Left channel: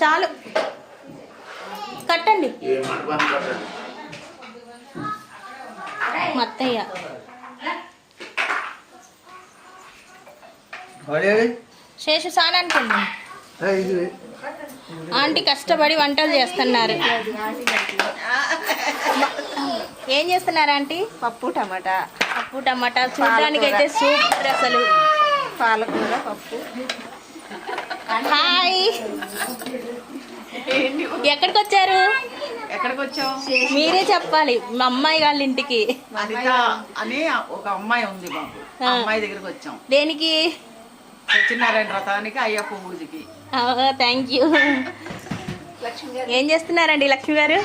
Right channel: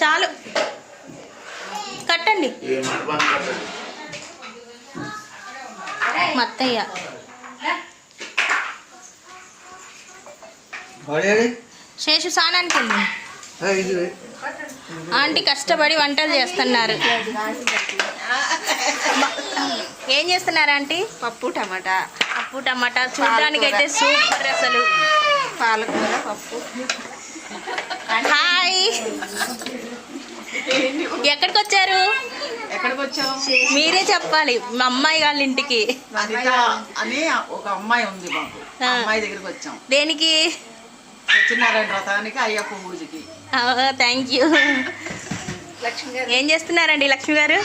చాలు కట్టండి మత్తయ్య. శేషు స్నానానికి వెళ్ళి ఆంటీ కష్టపడి వంటలు చేస్తున్నారు. ఏం చేస్తున్నారు ఆంటీ? పప్పు టమాటా. పప్పు టమాటా చూడడానికైతే సూపర్ అసలు. పాలకూర పప్పు. హాయ్, ఎక్కడికి వచ్చారు? ఎక్కడికి వచ్చావు మీరే చెప్పాలి. మా అమ్మాయి వాళ్ళ ఇంటికి. అనిత అని ఒక అమ్మాయి ఉంది మాకు. అమ్మాయి దగ్గరికి వచ్చాం. దేనికి? సత్యనారాయణ వ్రతానికి, అయ్యప్ప పూజకి. Thank you. ఏం చేస్తున్నారండి లక్ష్మి గారు?